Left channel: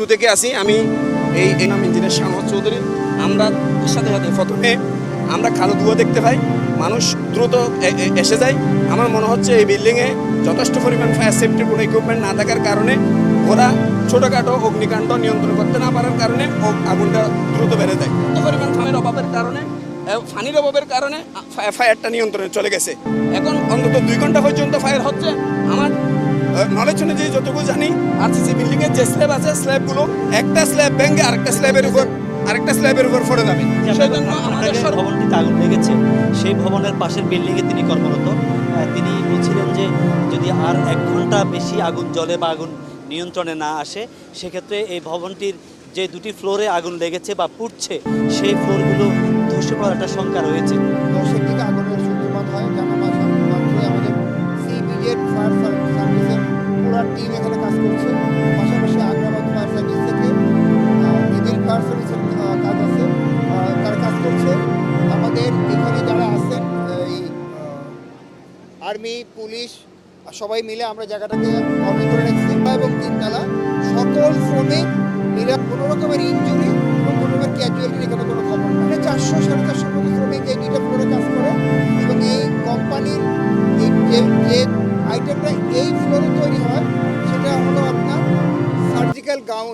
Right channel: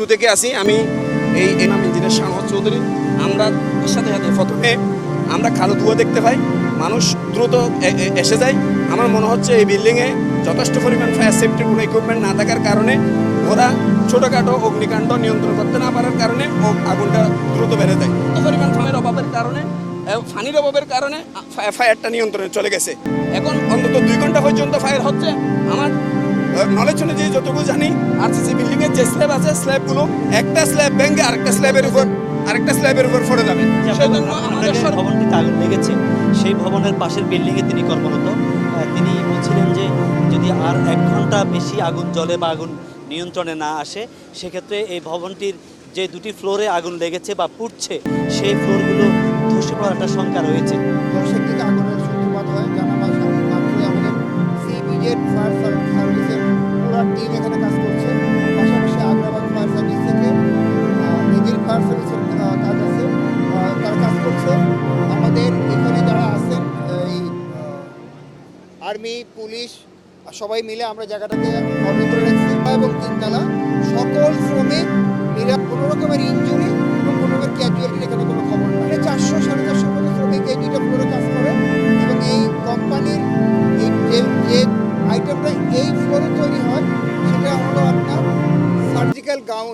শুরু থেকে আসি, আমি এই এই নাম ইঞ্জিনিয়ার শাহনওয়াজ চৌধুরী। আমরা সাথে সাথে প্রথমে আমরা কালো ধুয়া দেখতে পাই, মানুষ দ্রুত এসে যায়। আমার মনে হচ্ছে এই বিল্ডিংয়ে যথেষ্ট পরিমাণ ফায়ার সেফটির কোনো ইকুইপমেন্ট না থাকার কারণে ওরা ছোটোখাটো অগ্নিকাণ্ড নিয়ন্ত্রণ করতে না পারার কারণে আগুনটা দ্রুত বেড়ে যায়। এত পরিমাণ ফানের অভাবের কারণে ফানির অভাবের কারণে ফায়ারটা নিয়ন্ত্রণে চলে গেছে। এখন অন্তত দুই ঘণ্টা পর্যন্ত ফায়ার হচ্ছে। আমার নলেজ অনুযায়ী যতটুকু জানি আরসিসি বিল্ডিং এর যে স্ল্যাব আছে স্ল্যাবগুলো একটা স্ল্যাব ভেঙে আরেকটা স্ল্যাবের উপর আরেকটা স্ল্যাবের উপর পড়ে যাবে ভবনটিতে আগুন লেগেছে। সেই ভবনের পাশের বিল্ডিংয়ে তিনি কর্মরত। তিনি বলছিলেন যে যদি আর এক ঘণ্টা বেশি আগুন জ্বলে বা আগুন নিয়ন্ত্রণে না আসে সেক্ষেত্রে এই ভবনটির যে দুটি ফ্লোরে আগুন লেগেছে বা পুড়ছে সেই ফ্লোরগুলো ধসে পড়ার একটা শঙ্কা রয়েছে। দশের দিকে আগুনের সূত্রপাত হয় জানা মাত্র- মাত্রই আমাদের ফায়ার সার্ভিসের টিম এখানে কাজ করছে পাশাপাশি আগ্রাবাদ ফায়ার সার্ভিস থেকে নেভিল ফায়ার সার্ভিসের কাজ আছে। তারা কাজ করছে। আমাদের এখানে যারা আছেন, এই আর্মি, পুলিশ, সবাই মিলে আমরা জায়গাটাকে অর্ডার করে রাখছি। এবং তিনতলা, সকল শ্রমিক মিলে কোনো রকমের ইঞ্জুরি এবং কোনো রকমের ক্যাজুয়ালিটির এখানে কোনো খবর নাই। চারশো, সাড়ে চারশোর মতো শ্রমিক এই দুইটা ফ্লোরে কাজ করে এবং আইটেমটা এই ফ্লোরে তৈরি হয় সেটা হলো আপনার সার্জিক্যাল গাউন